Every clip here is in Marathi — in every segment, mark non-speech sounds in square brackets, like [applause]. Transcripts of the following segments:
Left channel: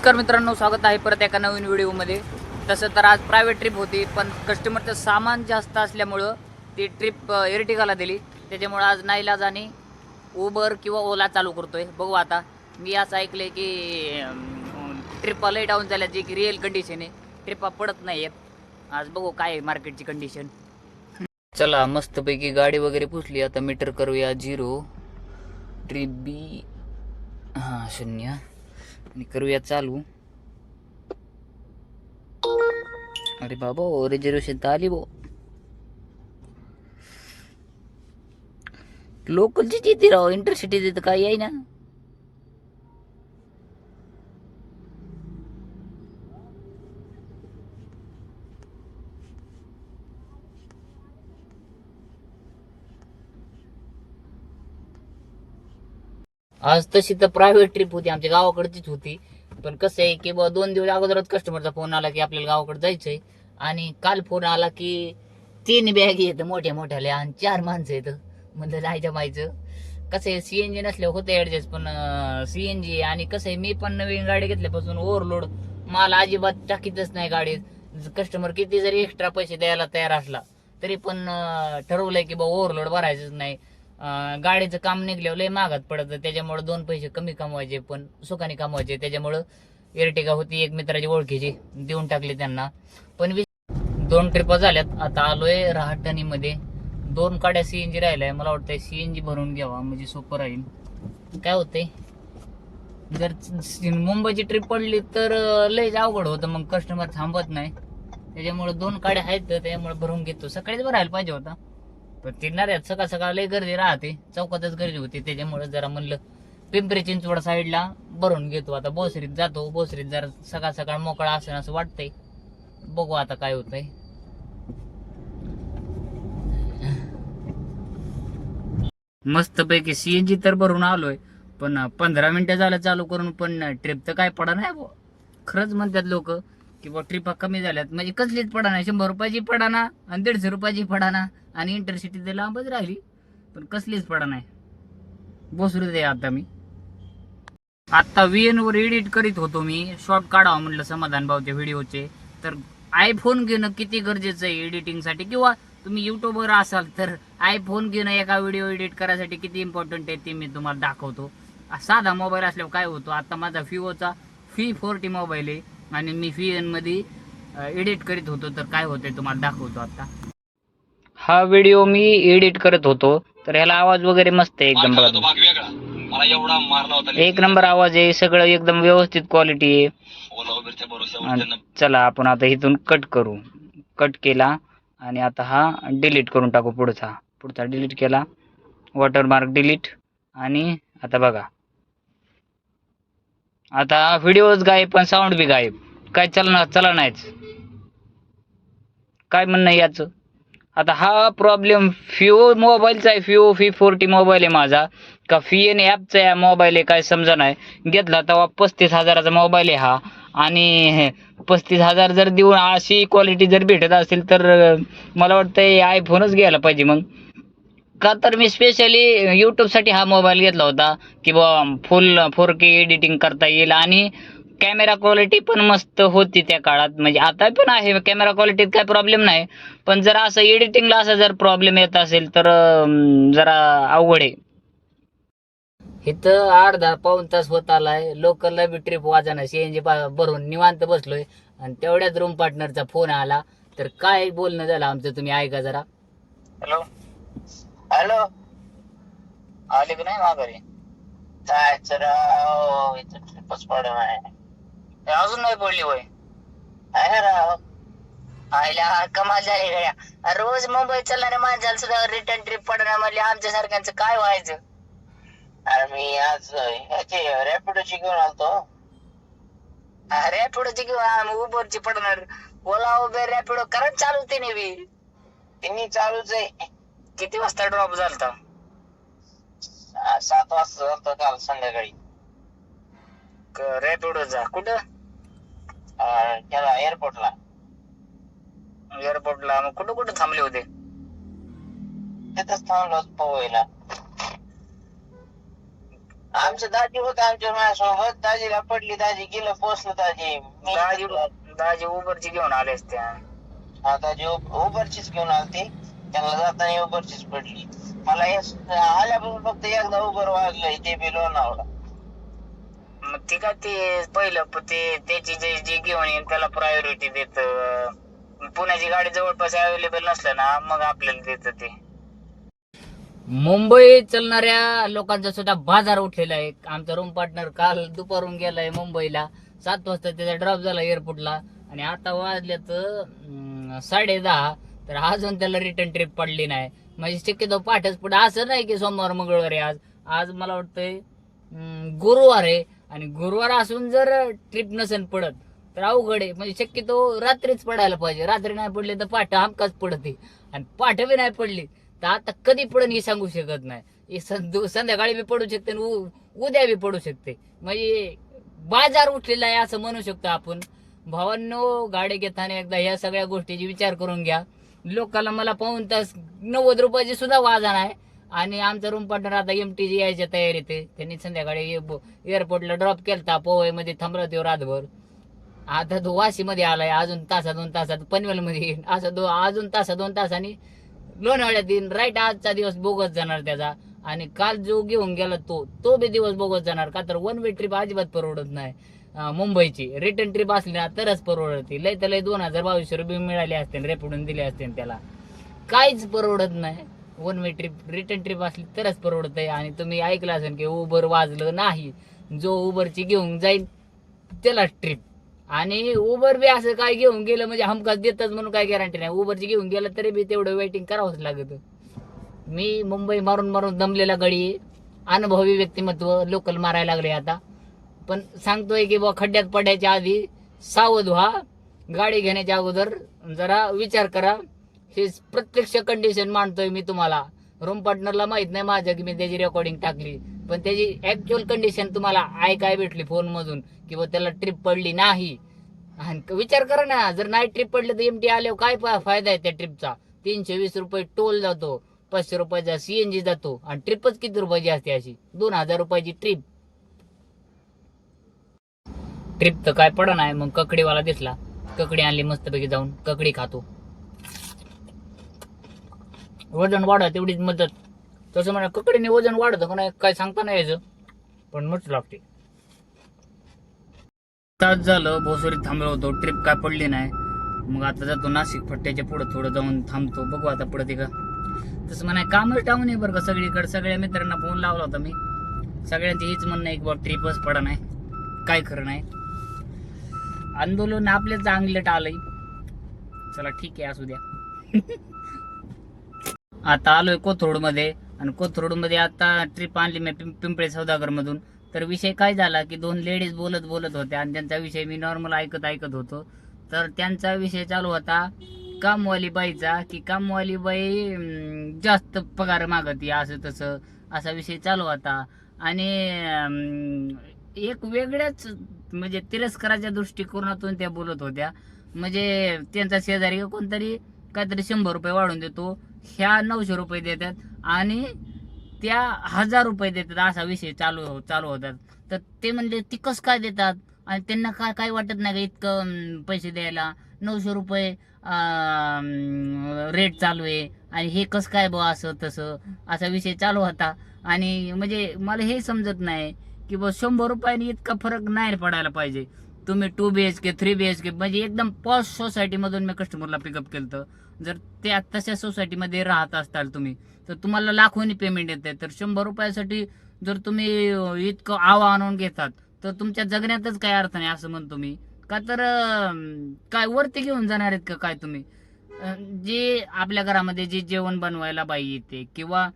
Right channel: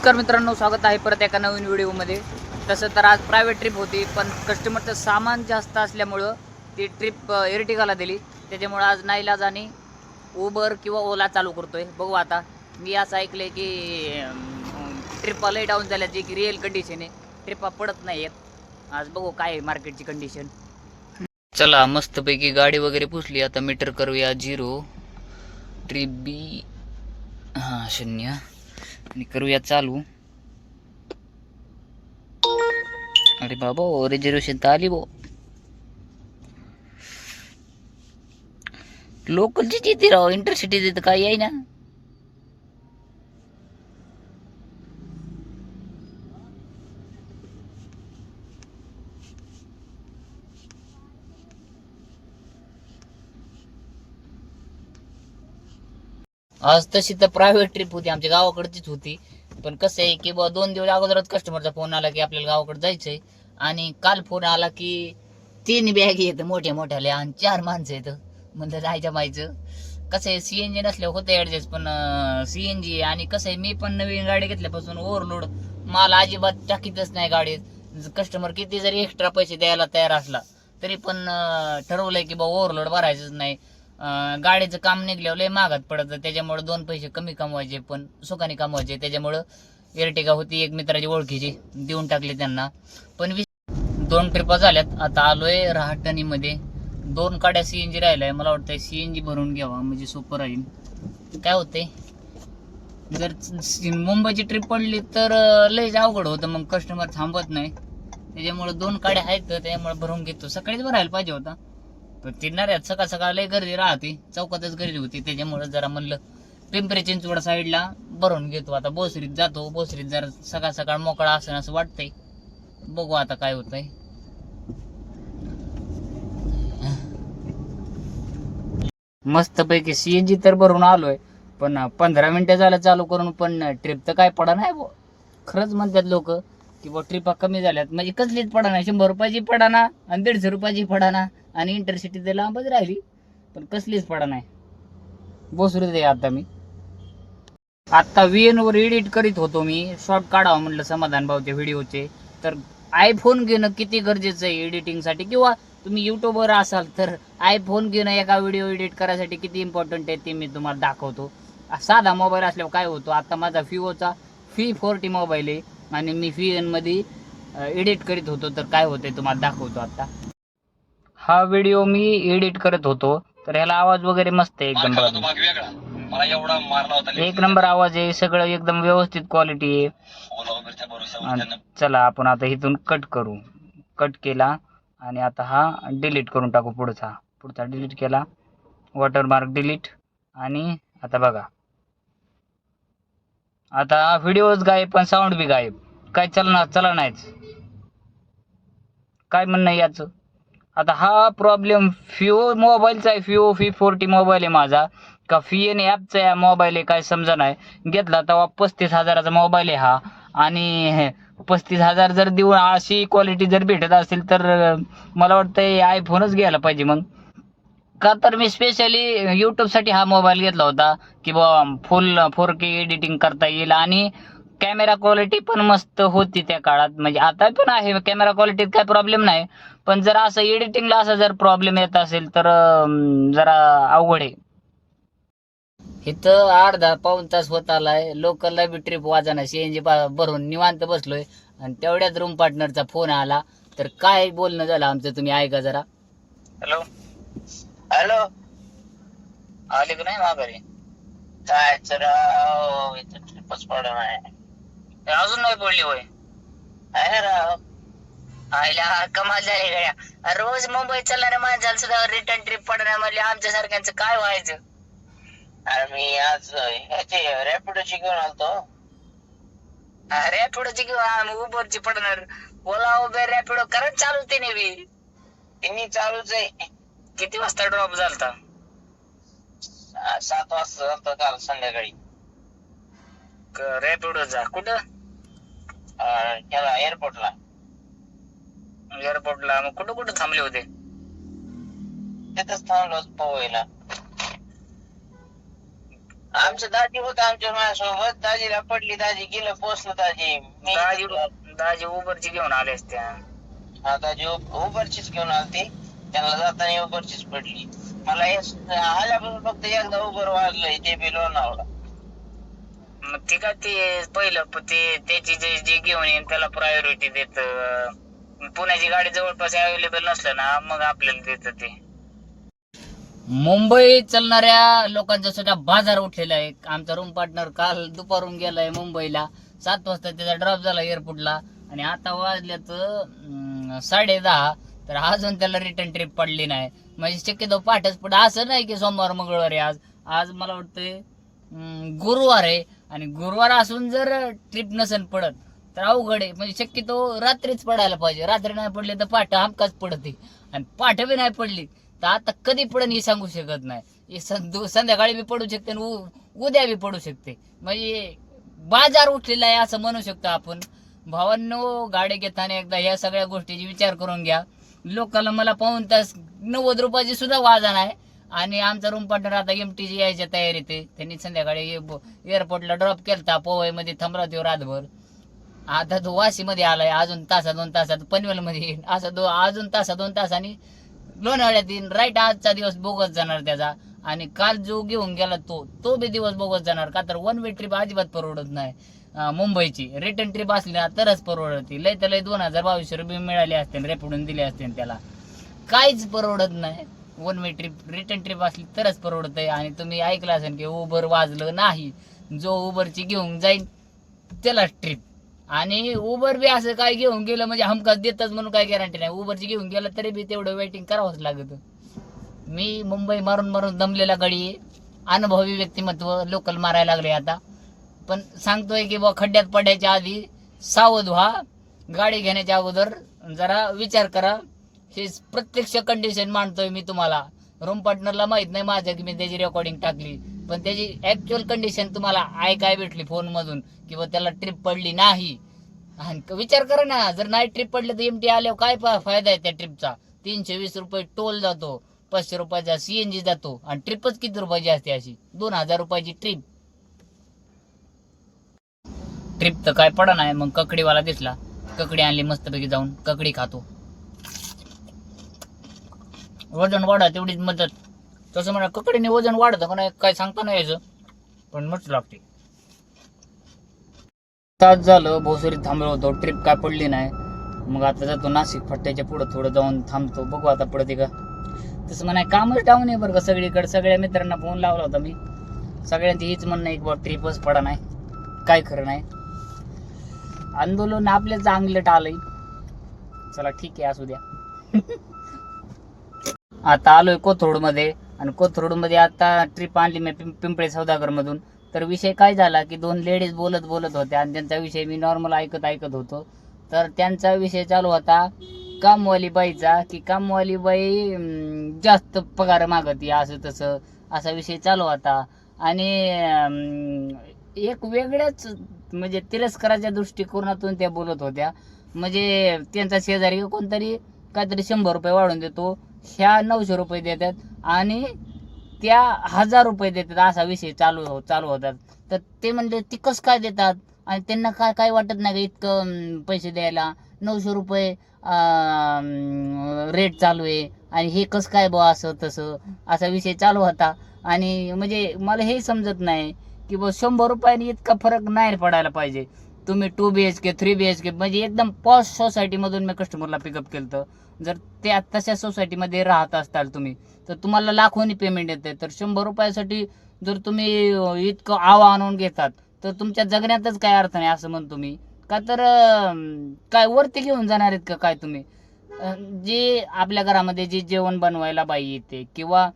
नमस्कार मित्रांनो स्वागत आहे परत एका नवीन व्हिडिओमध्ये. तसं तर आज प्रायव्हेट ट्रिप होती पण कस्टमरचं सामान जास्त असल्यामुळं ती ट्रिप एर्टिगाला दिली. त्याच्यामुळं आज नाईलाज आणि उबर किंवा ओला चालू करतो आहे बघू आता. मी असं ऐकलं आहे की ट्रिपा लय डाऊन झाल्या जे की रिअल कंडिशन आहे. ट्रिपा पडत नाही आहेत आज बघू काय आहे मार्केटची कंडिशन चला मस्तपैकी गाडी वगैरे पुसली. आता मीटर करूया झिरो ट्रिप बी हां शून्य. आणि करूया चालू अरे बाबा रिझर्वेशन तर आली बो लोकलचीच येते राव इंटरसिटी तर काही आहे ना आज तशी तर प्रायव्हेट ट्रिप होती आमच्या गावाकडचीच होती. पण कसं आहे की बा दोन दिवस अगोदरच कस्टमरचा फोन आला की आपल्याला गावाकडे जायचंय. आणि काल फोन आला की तीन बॅग येतं मोठ्या मोठ्याल्या आणि चार माणसं येतं. म्हणलं जायचं मायचं कसं आहे सी एन जी नसल्यावर होतं ऍडजस्ट पण सी एन जी आणि कसं आहे मी पण नवीन गाडी घेतल्यापासून ओव्हरलोड मला अजिबात टाकीतच नाही गाडीत. कस्टमर किती जरी एक्स्ट्रा पैसे द्यायला तयार असला तरी पण ठरवलंय की बा ओव्हरलोड भरायचंच नाही. गाडीचं काम निघल्यावर लय महागात पडतं. त्याच्यामुळे दोन पैसे कमी कमवायचे पण सुखाने कमवायचे. त्याच्यामुळं एरटिका होती एक मित्राची ओळखीची देऊन टाकली त्यांना. पण वि- दोन ट्रिपा झाल्यात. आता आलोय रहाटणीमध्ये. दोन काड्या सीएनजी राहिलाय. मला वाटतंय सीएनजी भरून घ्यावा म्हणजे सोपं राहील. काय होतंय? जर मुंबईची ट्रिप पडली तर लयच अवघड होतं. मग कस्टमर थांबत नाही. त्याच्यामुळे दोन काड्या आहेत तर त्याच्यामुळे भरून घेतो. सकाळीच भरायला पाहिजे होता. पण तिरणाऱ्यात सकाळ सकाळ लय गर्दी राहते. चौकातच गर्दी होती त्याच्यामुळे जरा म्हणलं पिंपरी चिंचवड साईडला भरून घेतो. आता बोसरीत जातो. बोसरीत जरा सकाळ सकाळ मोकळा असं असं वाटतंय. बघू आता काय होतंय. मस्त पैकी सीएनजी तर भरून आलोय. पण पंधरा मिनिटं झालं चालू करून पण ट्रिप तर काय पडा नाही खरंच म्हणतात लोक किंवा ट्रिपा कमी झाल्यात. म्हणजे कसलीच पडा नाही शंभर रुपयाची पडा ना आणि दीडशे रुपयाची पडाना आणि इंटरसिटी तर लांबच राहिली. पण कसलीच पडा नाही. बसरू दे आता मी. आत्ता VN वर एडिट करीत होतो मी. शॉर्ट काढावा म्हटलं समाधान भाऊच्या व्हिडिओचे. तर आयफोन घेणं किती गरजेचं आहे एडिटिंगसाठी किंवा तुम्ही युट्यूबवर असाल तर आयफोन घेणं एका व्हिडिओ एडिट करायसाठी किती इम्पॉर्टंट आहे ते मी तुम्हाला दाखवतो. साधा मोबाईल असल्यावर काय होतो? आता माझा फिओचा फी फोर्टी मोबाईल आहे. आणि मी फी मध्ये एडिट करीत होतो. तर काय होतंय तुम्हाला दाखवतो आता. हा व्हिडिओ मी एडिट करत होतो. तर ह्याला आवाज वगैरे मस्त आहे एकदम बघा तुम्ही. भाग वेगळा मला एवढा मारला होता एक नंबर आवाज आहे. सगळं एकदम व्यवस्थित क्वालिटी आहे. चला आपण आता इथून कट करू. कट केला आणि आता हा डिलीट करून टाकू पुढचा. पुढचा डिलीट केला. वॉटरमार्क डिलीट आणि आता बघा. आता व्हिडिओज गायब पण साऊंड बी गायब. काय चलना चला नाहीच. काय म्हणणं याचं? आता हा प्रॉब्लेम फिओ मोबाईलचा आहे. फिओ फी फोर्टी मोबाईल आहे माझा. का फी एन ॲपचा आहे मोबाईल आहे काय समजा नाही. घेतला तेव्हा पस्तीस हजाराचा मोबाईल आहे हा. आणि पस्तीस हजार जर देऊन अशी क्वालिटी जर भेटत असेल तर मला वाटतं आयफोनच घ्यायला पाहिजे मग. का तर मी स्पेशली यूट्यूबसाठी हा मोबाईल घेतला होता की बा फुल फोर के एडिटिंग करता येईल आणि कॅमेरा क्वालिटी पण मस्त होती त्या काळात. म्हणजे आता पण आहे कॅमेरा क्वालिटीत काय प्रॉब्लेम नाही. पण जर असं एडिटिंगला असा जर प्रॉब्लेम येत असेल तर जरा अवघड आहे. इथं अर्धा पाऊन तास होत आलाय. लोकलला बी ट्रिप वाजाना सीएनजी भरून निवांत बसलोय. आणि तेवढ्याच रूम पार्टनरचा फोन आला. तर काय बोलणं झालं आमचं? तुम्ही ऐका जरा. हॅलो हॅलो आले की नाही माघारी? काय राव इथं ट्रिपच पडा नाही. अजून नाही पडली होय आहे राव. आईला कमाल झाली गड्या. रोज मुंबईत चालणाऱ्या माणसाला सुद्धा रिटर्न ट्रिप पडणार म्हणजे आमच्या सारख्यांचं काय व्हायचं? अरे मी आज ह्याची रॅपिडोची घेऊन आलतो. रॅपिडोची घेऊन उबरची पडणार. ओला उबेर रॅपिडो. करंट चालू ते बी. तिन्ही चालूच आहे. किती वाजता ड्रॉप झालता? सात वाजता जातो काल संध्याकाळी. रॅपिडोचा कुठं? आ, ह्याला एअरपोर्टला एअरपोर्टला मग कुठं कुठं थांबले होते? तिथंच थांबलो पोहायला आमचं दाजी होतं आमच्या माझ्यासोबत. दाजीला पडली. दाजी गेलं पोचलं दाजी. दाजी दाजी उबरची घेऊन आले असते हा दाजी उबरचीच घेऊन आलती. त्यांना जाताना उबरचीच पडली. मला हे आल्यापासून फक्त एकदा उबर वाजलंय ते बी लोणावळा. मग ते काय ते पहिलं ते त्याची जे जे घेऊन येईन त्याला प्रायोरिटी देत. पुण्याची गाडी जवळपास अवेलेबल नसलं ना मग आपल्याला देत ते. मुंबई चालणाऱ्या लोकांचा सुद्धा बाजार उठलेला आहे. आमचा रूम पार्टनर काल दुपारून गेलाय मुंबईला. सात वाजता त्याचा ड्रॉप झाला एअरपोर्टला आणि आता वाजल्यात साडे दहा. तर अजून त्याला रिटर्न ट्रिप पडली नाही. म्हणजे शक्यतो पाठच पुढे असं नाही की सोमवार मंगळवार आहे आज. आज मला वाटतंय गुरुवार आहे. आणि गुरुवार असून जर ट्रिप नसेल पडत तर अवघड आहे. म्हणजे शक्यतो रात्रीच पडायला पाहिजे. रात्री नाही पडले तर पाठ हमकाच पडते. आणि पाठ बी नाही पडली तर आता कधी पडन हे सांगू शकत नाही. हे सं- संध्याकाळी बी पडू शकते आणि उ- उद्या बी पडू शकते. म्हणजे बाजार उठलेला आहे असं म्हणू शकतो आपण. भावांनो गाडी घेताना एकदा ह्या सगळ्या गोष्टीची विचार करून घ्या. लोकांना मला पाहून तास नव्वद रुपयाची सुद्धा वाजण आहे आणि आमचा रूम पार्टनर आता एम टी यायच्या तयारीत आहे. त्यांनी संध्याकाळी एअरपोर्टला ड्रॉप केलता पोवईमध्ये थांबला तो रातभर. आता तो वाशीमध्ये आलाय अजून तासा दोन तासात पनवेलमध्ये येईल. असं दो अजून तासा दोन तासांनी लोणावळ्यात येईल राईट आजचा दिवस बोगस जाणार त्याचा. आणि काल जो घेऊन गेला तो तो बी दिवस बोगस जाणार का? तर वन वे ट्रिप अजिबात परवडत नाही. मुंबईची. रिटर्न ट्रिप असली ना तरच परवडते. लय तर लय दोन हजार बावीसशे रुपये मिळाले असते रेपडून दिले असते त्याला. काहीच परवडत नाही. One way trip return trip असली तरच परवडत आहे आणि तुम्ही ऐकलं असेल की उबर वाजलं नाही जो उबरची घेऊन जाईल त्याला ट्रिप आणि उबर बी असं काय घेऊन गेलं म्हणजे हमखास देतच म्हणून काय गॅरंटी नाही. उबरची घेऊन गेलं तरी बी तेवढं वेटिंग करावंच लागत. मी मुंबई मारून मारून दमलेला गडी अनुभवी व्यक्तिमत्व लोकल मारायला लागले आता. पण सांगतोय की बा खड्ड्यात पडायच्या आधी सावध व्हा. गाडी घेण्याच्या अगोदर जरा विचार करा. हे प्रत्यक्ष कंडिशन मांडतोय मी तुम्हाला. रूम पार्टनरला माहीत नाही माझं की मी त्याची रेकॉर्डिंग टाकली. पण त्याची ऍक्च्युअल कंडिशन तुम्हाला ऐकाय भेटली फोन मधून किंवा त्याला ट्रिप पडली नाही. आणि विचार करा ना जर नाही ट्रिप पडलं तर एमटी आल्यावर काय फायदा आहे त्या ट्रिपचा तीनशे वीस रुपये टोल जातो पाचशे रुपयाचा सीएनजी जातो. आणि ट्रिपच किती रुपयाची असते अशी? दोन हजार रुपयाची ट्रिप ट्रिप तर काय पडा नाही मग ककडीवाला दिसला. ककडी आणली मस्तपैकी जाऊन ककडी खातो. वजन वाढा तेवढीच मदत. तसं म्हणा ककडीने वजन वाढतं का नाही काय सांगता नाही यायचं. पण मस्त लागते. तास झालं भोसरीत थांबलो होतो. ट्रिप काय पडली नाही. मग आता जातो नाशिक फट्ट्याच्या पुढं थोडं जाऊन थांबतो. बघू आता पडते का. तसं म्हणा कामच डाऊन आहे बरं का सगळीकडे. सगळ्या मित्रांना फोन लावला होता मी. सगळ्यांची हीच म्हणणं एक बाबा बा ट्रिपच पडा नाही. काय खरं नाही. आंदोलन आपल्या चांगलं आलंय. चला ठीक आहे असू द्या. [laughs] आता आलोय कोथरूडमध्ये आणि कोथरूडमध्ये आता ट्रिप आणली मी पिंपळे सौदागर मधून तर विषय काय झाला की दोन लेडीज बोलत बोलत होत्या आणि त्यांचा विषय मी नॉर्मल ऐकत ऐकत होतो. तर त्यांचा विषय चालू होता कामवाली बाईचा की कामवाली बाई जास्त पगार मागती असं तसं असा विषय चालू होता. आणि एक वेगळ्याच म्हणजे तिरस्काराच्या दृष्टिकोनातून त्या बोलत होत्या. म्हणजे त्यांचा शेजारी कोणतरी काहीतरी शंभर रुपये वाढून देतो ह्या नऊशे रुपये देतात आणि त्या हजार रुपये देतात असा विषय चालू हो- चालू होतात तर ते म्हणजे ती कसं काय देतात? आणि त्यांना काय काय वाटत नाही का इतकं पैसे द्यायला? नऊशे रुपये रेट चालू आहे. आणि हे कसं काय बुवा असं तसं? असा विषय चालू होता. आणि म्हणजे मला हे समजत नाही. की बुवा शंभर रुपयाने इतका फरक नाही पडायला पाहिजे. तुम्ही two B H K three B H K म्हणजे एकदम पॉश सोसायटीमधून मी कस्टमरला पिकअप केलं जर त्या तशा सोसायटीमध्ये राहत असताल तुम्ही तर तुम्हाला लाखोनी पेमेंट येते. तर शंभर रुपयासाठी जर तुम्ही इतकं आवा आणून घेतात तर तुमच्या जगण्यातच काय अर्थ नाही असं म्हणतो मी. का तर काय वरती घेऊन जाणार आहेत का काय तुम्ही? जे आपल्या घरामध्ये जे जेवण बनवायला बाई येते किंवा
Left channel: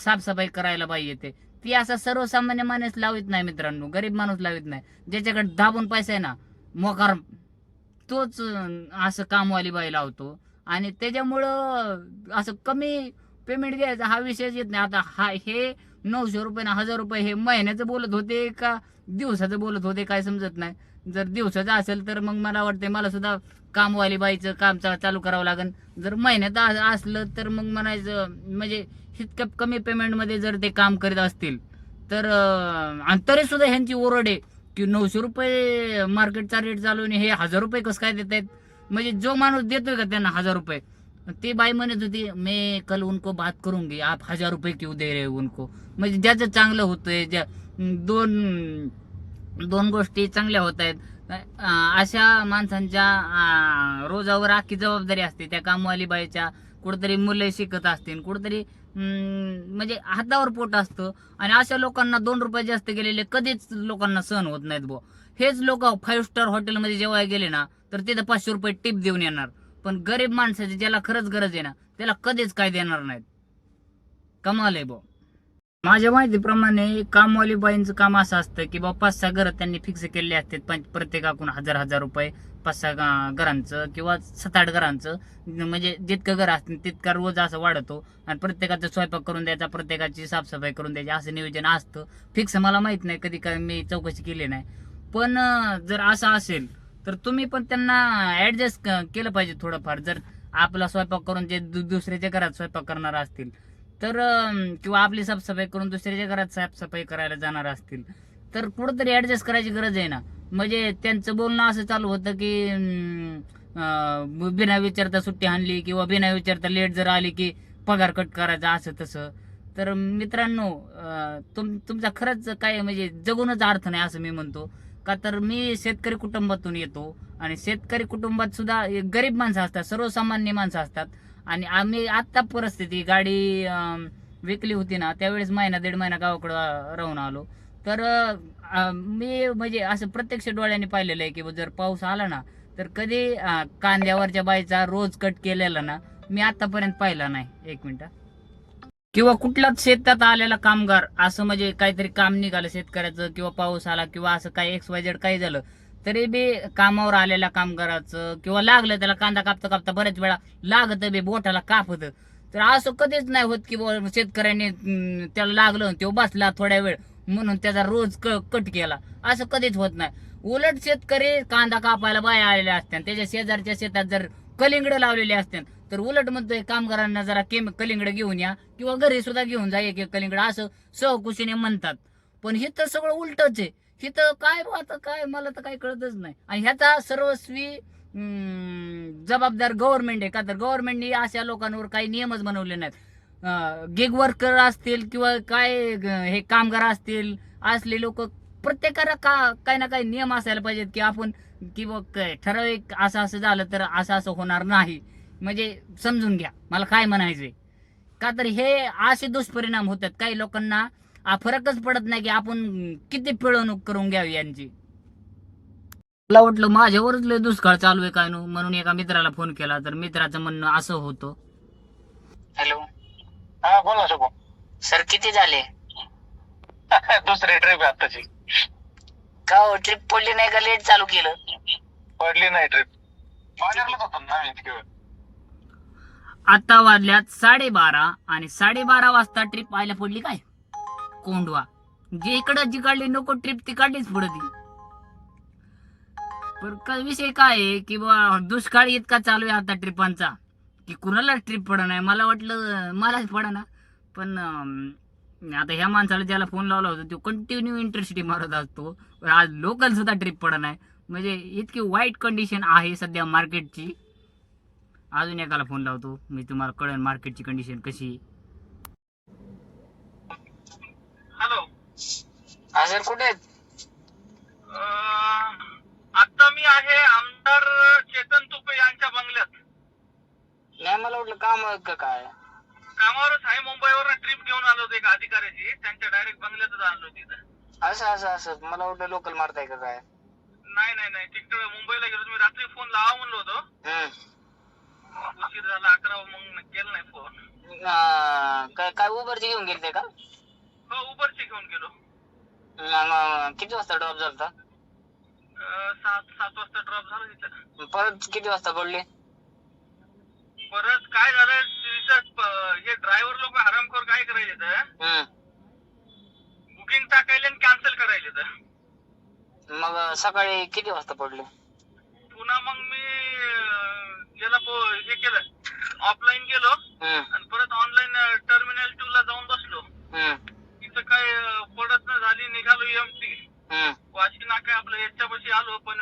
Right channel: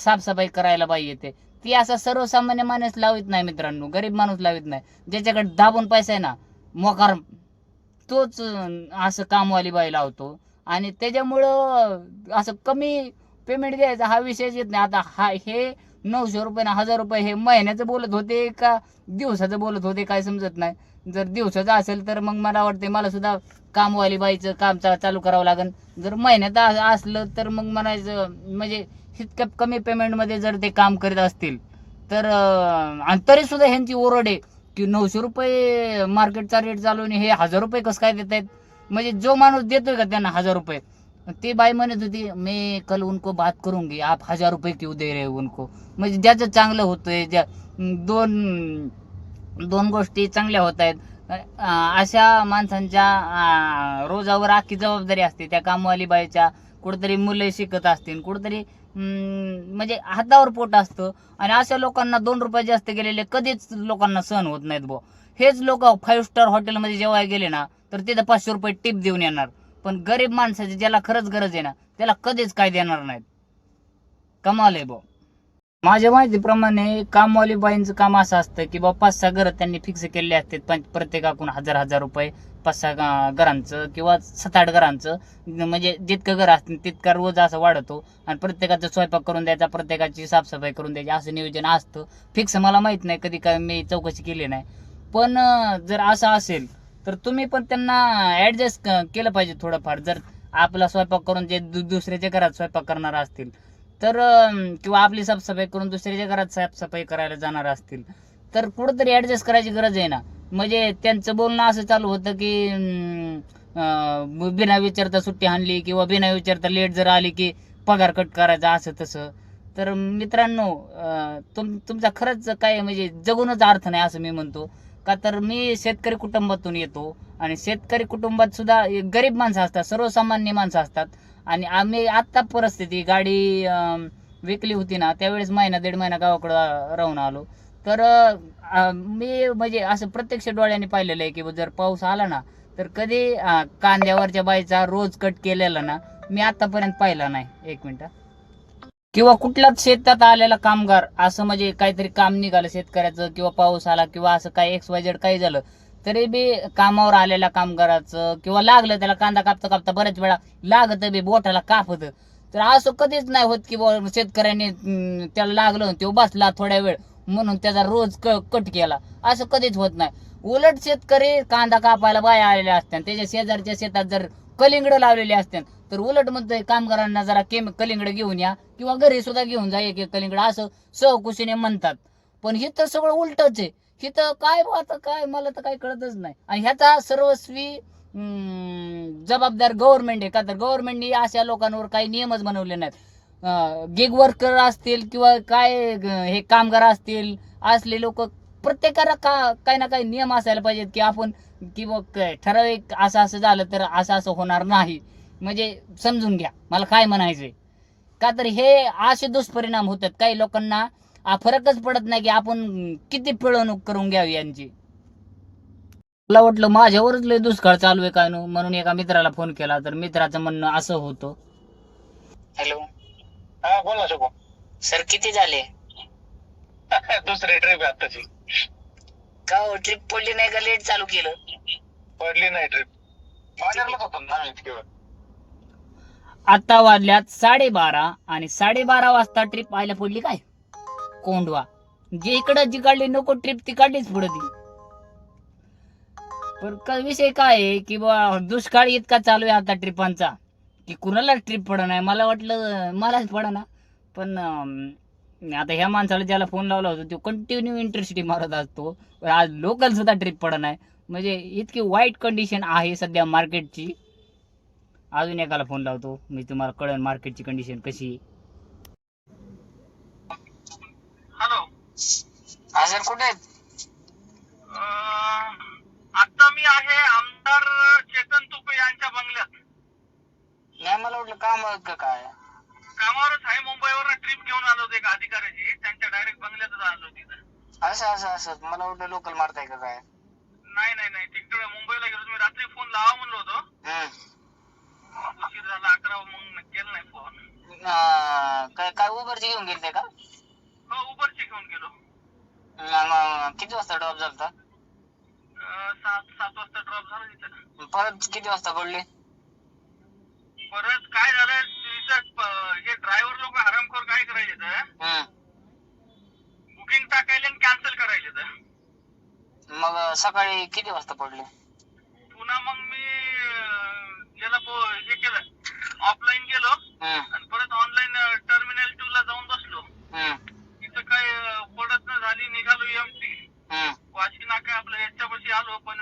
साफसफाई करायला बाई येते ती असा सर्वसामान्य माणूस लावित नाही मित्रांनो गरीब माणूस लावित नाही. ज्याच्याकडे दाबून पैसा आहे ना मोकार तोच असं कामवाली बाई लावतो. आणि त्याच्यामुळं असं कमी पेमेंट घ्यायचा हा विषयच येत नाही. आता हा हे नऊशे रुपये ना हजार रुपये हे महिन्याचं बोलत होते का दिवसाचं बोलत होते काय समजत नाही. जर दिवसाचं असेल तर मग मला वाटते मला सुद्धा कामवाली बाईचं काम चालू करावं लागेल जर महिन्यात असलं तर मग म्हणायचं म्हणजे इतक्या कमी पेमेंटमध्ये जर ते काम करीत असतील तर आणि तरी सुद्धा ह्यांची ओरड आहे की नऊशे रुपये मार्केटचा रेट चालू आणि हे हजार रुपये कसं काय देत आहेत म्हणजे जो माणूस देतोय का त्यांना हजार रुपये? ती बाई म्हणत होती मी कल उनको बात करूंगी आप हजार रुपये क्यों दे रहे हो उनको? म्हणजे ज्याचं चांगलं होतंय ज्या दोन दोन गोष्टी चांगल्या होत आहेत अशा माणसांच्या रोजावर आखी जबाबदारी असते. त्या कामवाली बाईच्या कुठेतरी मुलं शिकत असतील कुठेतरी म्हणजे हातावर पोट असतं. आणि अशा लोकांना दोन रुपये जास्त गेलेले कधीच लोकांना सहन होत नाहीत बो हेच लोक फाईव्ह स्टार हॉटेलमध्ये जेव्हा गेले ना तर तिथं पाचशे रुपये टिप देऊन येणार. पण गरीब माणसाची ज्याला खरंच गरज आहे ना त्याला कधीच काय देणार नाहीत. कमाल आहे भाऊ माझ्या माहितीप्रमाणे कामवाली बाईंचं काम असं असतं की बाबा पाच सहा घरं त्यांनी फिक्स केलेले असतात पण प्रत्येकाकडून हजार हजार रुपये पाच सहा घरांचं किंवा सात आठ घरांचं. म्हणजे जितकं घर असतील तितका रोज असं वाढतो आणि प्रत्येकाचा स्वयंपाक करून द्यायचा प्रत्येकाची साफसफाई करून द्यायची असं नियोजन असतं. फिक्स मला माहीत नाही कधी काय मी चौकशी केली नाही. पण जर असं असेल तर तुम्ही पण त्यांना ॲडजस्ट केलं पाहिजे थोडंफार. जर आपला स्वयंपाक करून जे दु- दुसऱ्याच्या घरात स्वयंपाक करणार असतील तर किंवा आपली साफसफाई करून दुसऱ्याच्या घरात साफसफाई करायला जाणार असतील तर कुठंतरी ॲडजस्ट करायची गरज आहे ना. म्हणजे त्यांचं बोलणं असं चालू होतं की बिना विचारता सुट्टी आणली किंवा बिना विचारता लेट जर आली की पगार कट करायचा असं तसं. तर मित्रांनो तुम तुमचा खरंच काय म्हणजे जगूनच अर्थ नाही असं मी म्हणतो. का तर मी शेतकरी कुटुंबातून येतो आणि शेतकरी कुटुंबात सुद्धा गरीब माणसं असतात सर्वसामान्य माणसं असतात. आणि आम्ही आत्ता परिस्थिती गाडी विकली होती ना त्यावेळेस महिना दीड महिना गावाकडं राहून आलो. तर मी म्हणजे असं प्रत्यक्ष डोळ्याने पाहिलेलं आहे की जर पाऊस आला ना तर कधी कांद्यावरच्या बाईचा रोज कट केलेला ना मी आतापर्यंत पाहिला नाही. एक मिनिट. किंवा कुठलाच शेतात आलेला कामगार असं म्हणजे काहीतरी काम निघालं शेतकऱ्याचं किंवा पाऊस आला किंवा असं काही एक्स वाय झेड काही झालं तरी बी कामावर आलेल्या कामगाराचं किंवा लागलं त्याला कांदा कापता कापता बऱ्याच वेळा लागत बी बोटाला कापत. तर असं कधीच नाही होत की शेतकऱ्यांनी त्याला लागलं तो बसला थोड्या वेळ म्हणून त्याचा रोज क- कट केला. असं कधीच होत नाही. उलट शेतकरी कांदा कापायला बाया आलेल्या असतात त्याच्या शेजारच्या शेतात जर कलिंगड लावलेले असतात तर उलट म्हणतोय कामगारांना जरा केम कलिंगड घेऊन या किंवा घरी सुद्धा घेऊन जा एक एक कलिंगड. असं सहकुशीने म्हणतात. पण हे तर सगळं उलटच आहे. तिथं काय बुवा आता काय मला तर काय कळतच नाही. आणि ह्याचा सर्वस्वी जबाबदार गव्हर्नमेंट आहे का? तर गव्हर्नमेंटने अशा लोकांवर काही नियमच बनवले नाहीत. गिग वर्कर असतील किंवा काय हे कामगार असतील असले लोक प्रत्येकाला का काही ना काही नियम असायला पाहिजेत की आपण किंवा काय ठराविक असं असं झालं तर असं असं होणार नाही. म्हणजे समजून घ्या. मला काय म्हणायचंय? का तर हे असे दुष्परिणाम होतात. काही लोकांना आ, फरकच पडत नाही की आपण किती पिळवणूक करून घ्यावी यांची. मला वाटलं माझ्यावरच लय दुष्काळ चालू आहे काय नो म्हणून एका मित्राला फोन केला तर मित्राचं म्हणणं असं होतं. हॅलो. हा बोल ना शुभम. सर किती झाले? [laughs] दुसरी ट्रिप आताची. का हो ट्रिप पडली नाही का? लेट चालू केलं? पडली नाही ट्रिप मानेरलाच होतो ना आम्ही तिकडे. आता वाजल्यात साडेबारा आणि साडेबारा वाजता ट्रिप आयला पडली काय? कोंडवा जे इकडं जी काढली नको ट्रिप ती काढलीच पुढे ती पण का- विषय काय आहे की बा दुष्काळ इतका चालू आहे आता ट्रिपांचा की कुणाला ट्रिप पड नाही मला वाटलं मलाच पडा ना पण आता ह्या माणसाला ज्याला फोन लावला होता तो कंटिन्यू इंटरसिटी मारत असतो आज लोकल सुद्धा ट्रिप पड नाही म्हणजे इतकी वाईट कंडिशन आहे सध्या मार्केटची अजून एकाला फोन लावतो मी तुम्हाला कळेल मार्केटची कंडिशन कशी हा सर कुठे आहेत? आता मी आहे आमदार चेतन तुपे यांच्या बंगल्यात. नाही मला वाटलं काम का काय? कामावरच आहे. मुंबईवर ट्रिप घेऊन आलो होतो एका अधिकाऱ्याची. त्यांच्या डायरेक्ट बंगल्यातच आणलो तिथं असं असं असं. मला वाटलं लोकल मारताय का काय? नाही नाही नाही. तिकडे मुंबईला गेलो होतो. मी रात्री फोन लावा म्हणलो होतो. उशीर झाला अकरा मग केला नाही फोन काय काय उबरची घेऊन गेलते का? हो उबरची घेऊन गेलो. किती वाजता ड्रॉप झालता? अं, सात सात वाजता ड्रॉप झाला तिथं. परत किती वाजता पडले परत काय झालं तिथं प- हे ड्रायव्हर लोक हरामखोर काय करायचे तर? बुकिंग टाकायला आणि कॅन्सल करायचे तर. मग सकाळी किती वाजता पडले? पुन्हा मग मी अं, याला पो- हे केलं. ऑफलाईन गेलो आणि परत ऑनलाईन टर्मिनल टू ला जाऊन बसलो. अं, पडत न झाली निघालो एमटी हा. वाशी नाका आपलं याच्यापाशी आलो पण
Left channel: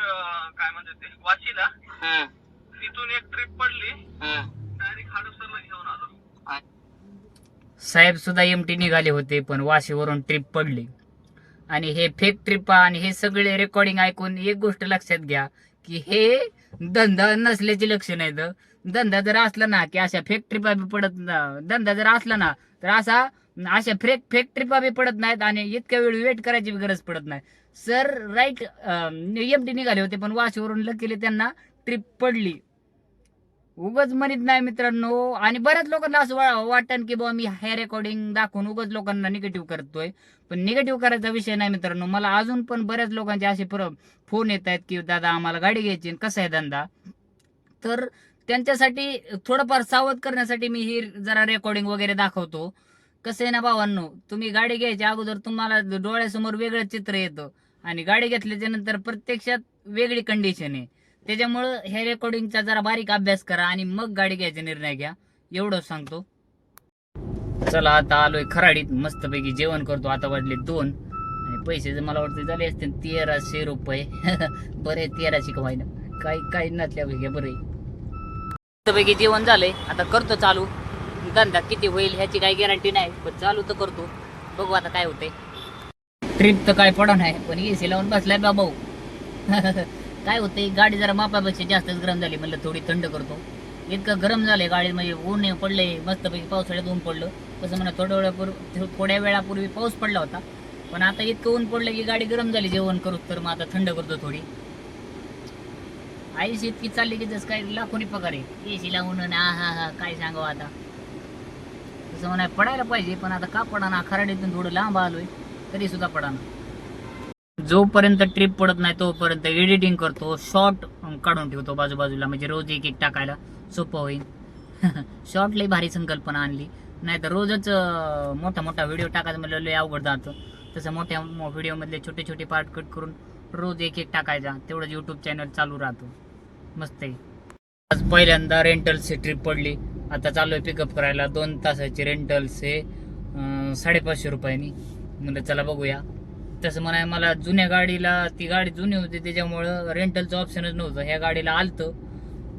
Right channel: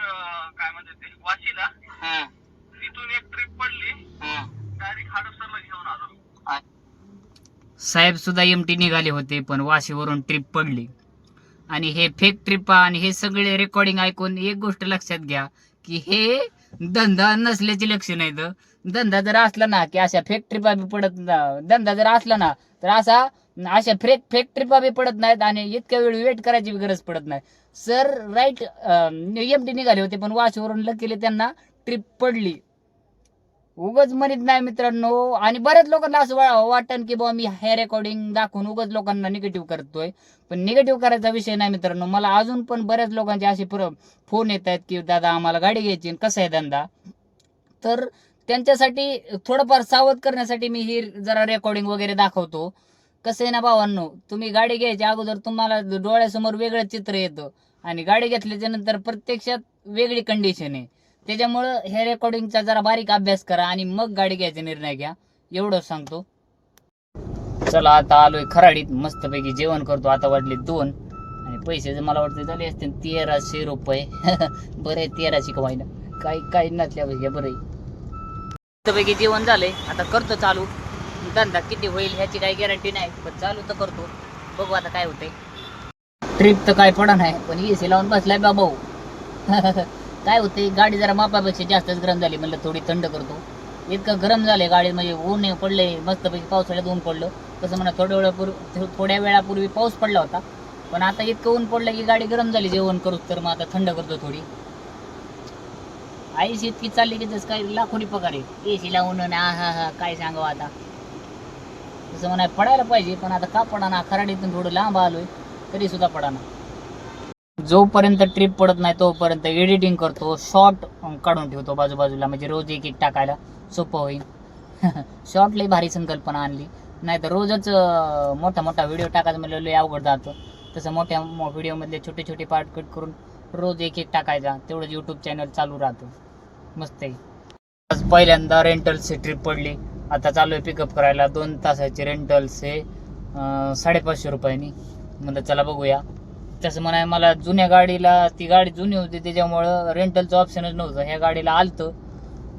काय म्हणते ते वाशीला. हा. तिथून एक ट्रिप पडली. हा. डायरेक्ट घेऊन आलो. साहेब सुद्धा एमटी निघाले होते पण वाशीवरून ट्रिप पडली. आणि हे फेक ट्रिप आणि हे सगळे रेकॉर्डिंग ऐकून एक गोष्ट लक्षात घ्या की हे धंदा नसल्याची लक्षण आहेत धंदा जर असला ना की अशा फेक ट्रिपा बी पडत धंदा जर असला ना तर असा अशा फेक फेक ट्रिपा बी पडत नाहीत आणि इतक्या वेळ वेट करायची बी गरज पडत नाही. सर राईट एम टी निघाले होते पण वाशीवरून लकीले त्यांना ट्रिप पडली. उगच म्हणत नाही मित्रांनो आणि बऱ्याच लोकांना असं वा- वाटन की बाबा मी हे रेकॉर्डिंग दाखवून उगच लोकांना निगेटिव्ह करतोय. पण निगेटिव्ह करायचा विषय नाही मित्रांनो मला अजून पण बऱ्याच लोकांचे असे फोन येत आहेत की दादा आम्हाला गाडी घ्यायची कसं कसा आहे धंदा? तर त्यांच्यासाठी थोडंफार सावध करण्यासाठी मी ही जरा रेकॉर्डिंग वगैरे दाखवतो. कसं आहे ना भावांनो तुम्ही गाडी घ्यायच्या अगोदर तुम्हाला डोळ्यासमोर वेगळं चित्र येतं आणि गाडी घेतल्याच्या नंतर प्रत्यक्षात वेगळी कंडिशन आहे. त्याच्यामुळं ह्या रेकॉर्डिंगचा जरा बारीक अभ्यास करा आणि मग गाडी घ्यायचा निर्णय घ्या. एवढंच सांगतो. चला आता आलोय खराडीत. मस्तपैकी जेवण करतो. आता वाजले दोन. आणि पैसे जर मला वाटते झाले असते तेराशे रुपये. [laughs] बरे तेराशे कमाईना काही काही नसल्या घ्या बरे मस्तपैकी जेवण झालंय. आता करतो चालू. धंदा किती होईल ह्याची काही गॅरंटी नाही. पण चालू तर करतो. बघू आता काय होते ट्रिप तर काय पडा नाही पण एसी लावून बसलाय बा भाऊ. [laughs] काय होते गाडी जरा मापापेक्षा जास्तच गरम झाली म्हणलं थोडी थंड करतो. इतकं गरम झाले गाडी म्हणजे ऊन पडले मस्तपैकी पावसाळ्यात ऊन पडलं. कसं म्हणा थोड्या वेळापूर्वी थोड्या वेळापूर्वी पाऊस पडला होता. पण आता इतकं ऊन पडलं की गाडी गरम झाली जेवण करूच तर मग आता थंड करतो थोडी. आईस इतकी चालली की जसं काय लाखोनी पगार आहे. एसी लावून आणि आ हा हा काय सांगावं आता. तसं म्हणा पडायला पाहिजे पण आता का पडाना? खराडीतून थोडं लांब आलोय तरी सुद्धा पडाना. जोपर्यंत ट्रिप पडत नाही तोपर्यंत एडिटिंग करतो शॉर्ट काढून ठेवतो बाजूबाजूला म्हणजे रोज एक एक टाकायला सोपं होईल. [laughs] शॉर्ट लई भारी संकल्पना आणली. नाही तर रोजच मोठा मोठा व्हिडिओ टाकायचं म्हणलं लई अवघड जातं. तसं मोठ्या व्हिडिओमधले छोटे छोटे पार्ट कट करून रोज एक एक टाकायचा. तेवढंच यूट्यूब चॅनल चालू राहतो. मस्त आहे. आज पहिल्यांदा रेंटलची ट्रिप पडली. आता चालू आहे पिकअप करायला. दोन तासाची रेंटल्स आहे. साडेपाचशे रुपयांनी. म्हणलं चला बघूया. तसं म्हणाय मला जुन्या गाडीला ती गाडी जुनी होती त्याच्यामुळं रेंटलचं ऑप्शनच नव्हतं. ह्या गाडीला आलतं.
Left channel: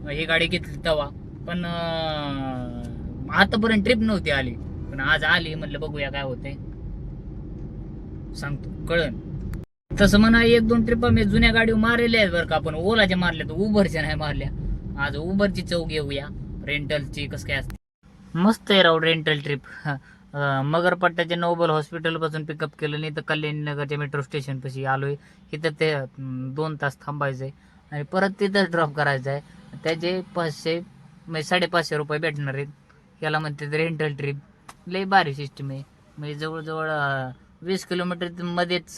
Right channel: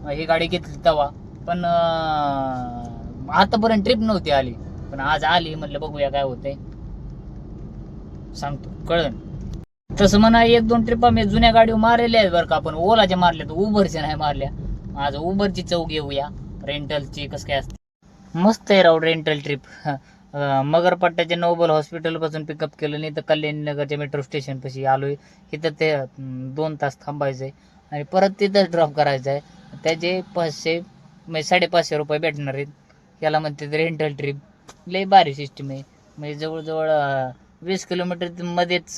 ही गाडी घेतली तवा. पण आतापर्यंत ट्रिप नव्हती आली. पण आज आली. म्हणलं बघूया काय होतंय. सांगतो. कळन तसं म्हणा एक दोन ट्रिप आम्ही जुन्या गाडीवर मारलेल्या आहेत बरं का. पण ओलाच्या मारल्या तर उबरच्या नाही मारल्या. आज उबरची चौक घेऊया रेंटलची कसं काय असते? मस्त आहे राव रेंटल ट्रिप मगरपट्ट्याच्या नोबल हॉस्पिटलपासून पिकअप केलं नाही तर कल्याणनगरच्या मेट्रो स्टेशनपाशी आलो आहे तिथं ते दोन तास थांबायचं आहे आणि परत तिथंच ड्रॉप करायचं आहे त्याचे पाचशे म्हणजे साडेपाचशे रुपये भेटणार आहेत. याला म्हणते रेंटल ट्रिप लय भारी सिस्टीम आहे. म्हणजे जवळजवळ वीस किलोमीटर मध्येच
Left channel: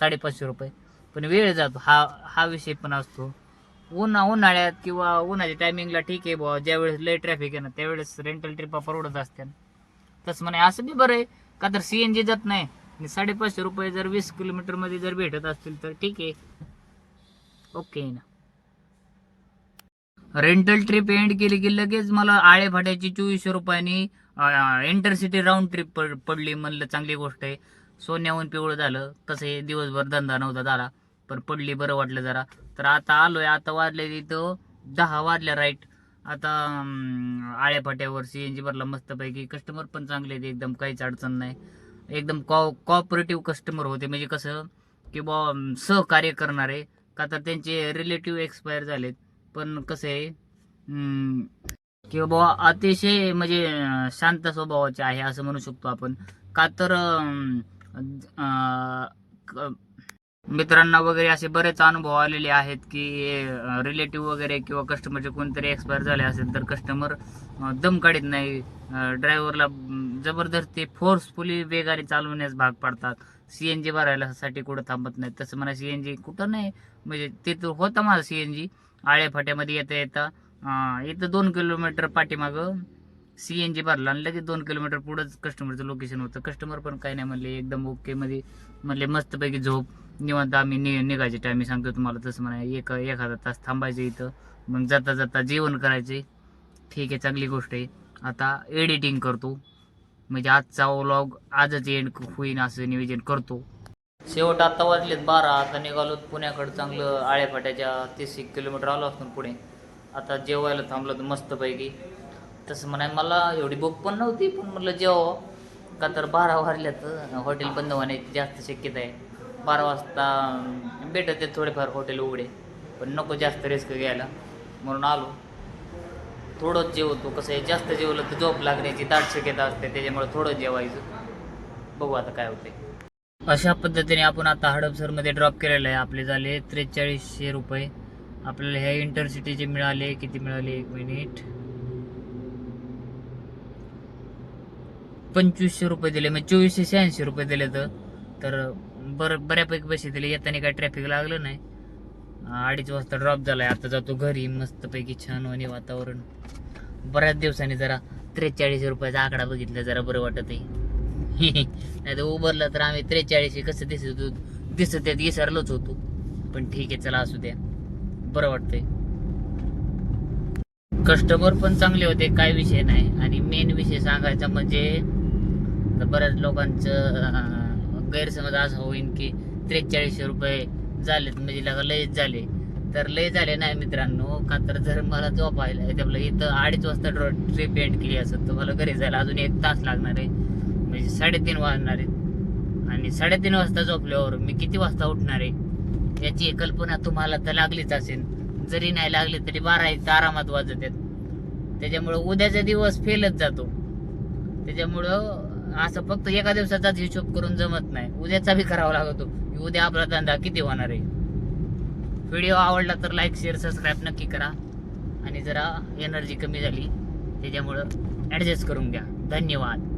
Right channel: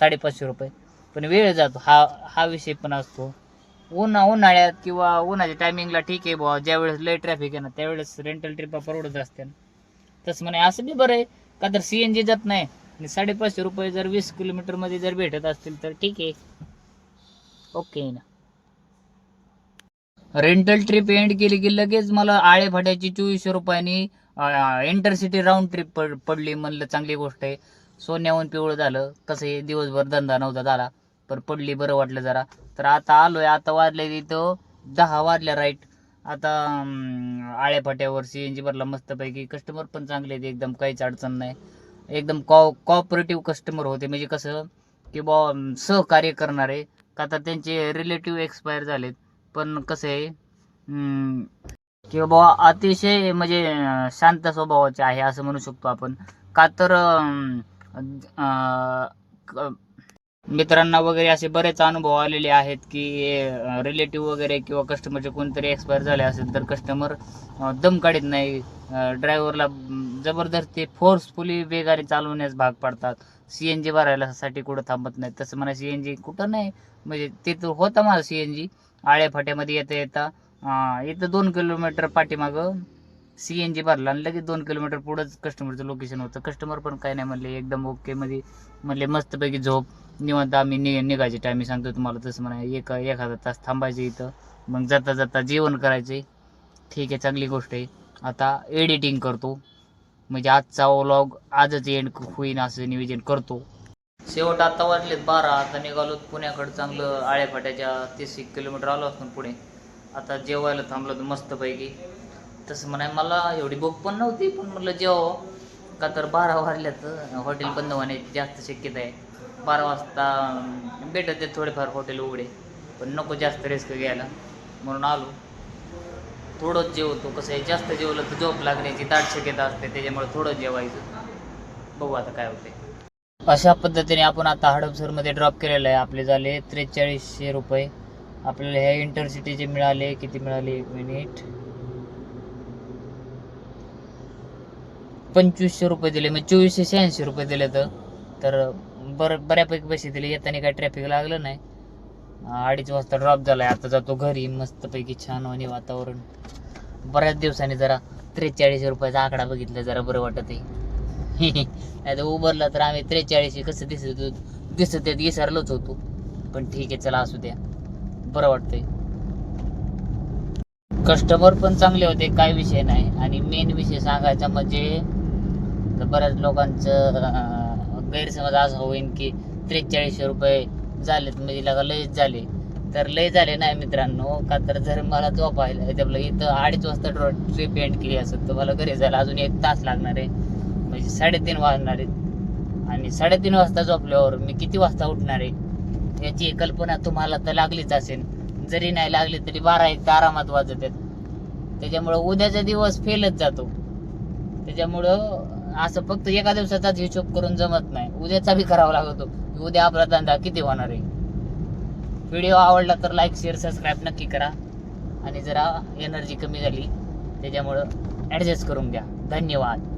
साडेपाचशे रुपये. पण वेळ जातो. हा हा विषय पण असतो. उन्हा उन्हाळ्यात किंवा उन्हाच्या टायमिंगला ठीक आहे बुवा. ज्यावेळेस लय ट्रॅफिक आहे ना त्यावेळेस रेंटल ट्रिपा परवडत असते तसं म्हणे असं बी बरं आहे. का तर सी एन जी जात नाही. आणि साडेपाचशे रुपये जर वीस किलोमीटरमध्ये जर भेटत असतील तर ठीक आहे. ओके ना. रेंटल ट्रिप एंड केली की लगेच मला आळेफाट्याची चोवीसशे रुपयांनी इंटरसिटी राऊंड ट्रिप पडली म्हणलं चांगली गोष्ट आहे. सोन्याहून पिवळं झालं. कसं हे दिवसभर धंदा नव्हता झाला. पण पडली बरं वाटलं जरा. तर आता आलोय आता वाजले तिथं दहा वाजल्या राईट. आता अं, सी एन जी भरला मस्तपैकी. कस्टमर पण चांगले आहेत एकदम काहीच अडचण नाही. एकदम कॉ कॉपरेटिव्ह कस्टमर होते. म्हणजे कसं की बॉ सहकार्य करणारे. का तर त्यांचे रिलेटिव्ह एक्सपायर झालेत. पण कसं आहे किंवा की बाबा अतिशय म्हणजे शांत स्वभावाचे आहे असं म्हणू शकतो आपण. का तर क- मित्रांना वगैरे असे बरेच अनुभव आलेले आहेत की रिलेटिव्ह वगैरे किंवा कस्टमरचे कोणतरी एक्सपायर झाले असेल तर कस्टमर दम काढत नाही. ड्रायव्हरला जबरदस्ती फोर्सफुली वेगाने चालवण्यास भाग पाडतात. सी एन जी भरायला साठी कुठं थांबत नाही तसं म्हणा सी एन जी कुठं नाही. म्हणजे तिथं होता माझा सी एन जी आळ्याफाट्यामध्ये येता येता इथं दोन किलोमीटर पाठीमागं सी एन जी भरला आणि लगेच दोन किलोमीटर पुढंच कस्टमरचं लोकेशन होतं. कस्टमर पण काय नाही म्हणले. एकदम ओके मध्ये म्हणले मस्तपैकी झोप. निवांत आम्ही नि निघायचे टायमिंग सांगतो तुम्हाला तसं म्हणा एक एखादा तास थांबायचं इथं. मग जाता जाता जेवण करायचे. ठीक आहे चांगली गोष्ट आहे. आता एडिटिंग करतो. म्हणजे आजचा व्लॉग आजच एंड होईन असं नियोजन करतो. शेवट आता वाजलेत बारा. आता निघालो पुण्याकडं चांगलं आळ्यापाट्याच्या तीस एक किलोमीटर आलो असतो पुढे. आता जेवायला थांबलो तर मस्तपैकी. तसं म्हणाय मला एवढी भूक पण नव्हती पण म्हटलं जेवा का तर बारा वाजल्यात. हॉटेल बंद होण्याची जास्त शक्यता आहे. बारा वाजता भेटत थोडेफार हॉटेल उघडे. पण नको जास्त रिस्क घ्यायला. म्हणून आलो. थोडंच जेवतो. कसं आहे जास्त जेवलं तर झोप लागण्याची दाट शक्यता असते. त्याच्यामुळे थोडं जेवायचं. बघू आता काय होते अशा पद्धतीने आपण आता हडपसरमध्ये ड्रॉप केलेलं आहे. आपले झाले त्रेचाळीसशे रुपये. आपल्याला ह्या इंटरसिटीचे मिळाले. किती मिळाले? एक मिनिट पंचवीसशे रुपये दिले. म्हणजे चोवीसशे शहाऐंशी रुपये दिले तर. तर बरं बऱ्यापैकी पैसे दिले. येताना काय ट्रॅफिक लागलं नाही. अडीच वाजता ड्रॉप झालाय. आता जातो घरी. मस्तपैकी छान होणे वातावरण. बऱ्याच दिवसांनी जरा त्रेचाळीस रुपयाचा आकडा बघितला. जरा बरं वाटत आहे [laughs] नाही तर उभरला तर आम्ही त्रेचाळीस कसं दिसत दिसत आहेत विसरलोच होतो. पण ठीक आहे चला असू द्या. बरं वाटतंय. कस्टमर पण चांगले होते काय विषय नाही. आणि मेन विषय सांगायचा म्हणजे तर बऱ्याच लोकांचं गैरसमज असा होईन की त्रेचाळीसशे रुपये झालेत म्हणजे लगा लयच झाले. तर लय झाले नाही मित्रांनो का तर जर मला झोपायला आपलं इथं अडीच वाजता ट्रिप एंड केली असत तर मला घरी जायला अजून एक तास लागणार आहे. म्हणजे साडेतीन वाजणार आहेत. आणि साडेतीन वाजता झोपल्यावर मी किती वाजता उठणार आहे? याची कल्पना तुम्हाला तर लागलीच असेल. जरी नाही लागली तरी बारा एक आरामात वाजत आहेत. त्याच्यामुळं उद्याचा दिवस फेलच जातो. त्याच्यामुळं असं फक्त एका दिवसाचाच हिशोब करून जमत नाही. उद्याचा बी करावा लागतो. की उद्या आपला धंदा किती होणार आहे? व्हिडिओ आवडला तर लाईक शेअर सबस्क्राईब नक्की करा. आणि जरा एनर्जी कमी झाली त्याच्यामुळं ॲडजस्ट करून घ्या. धन्यवाद.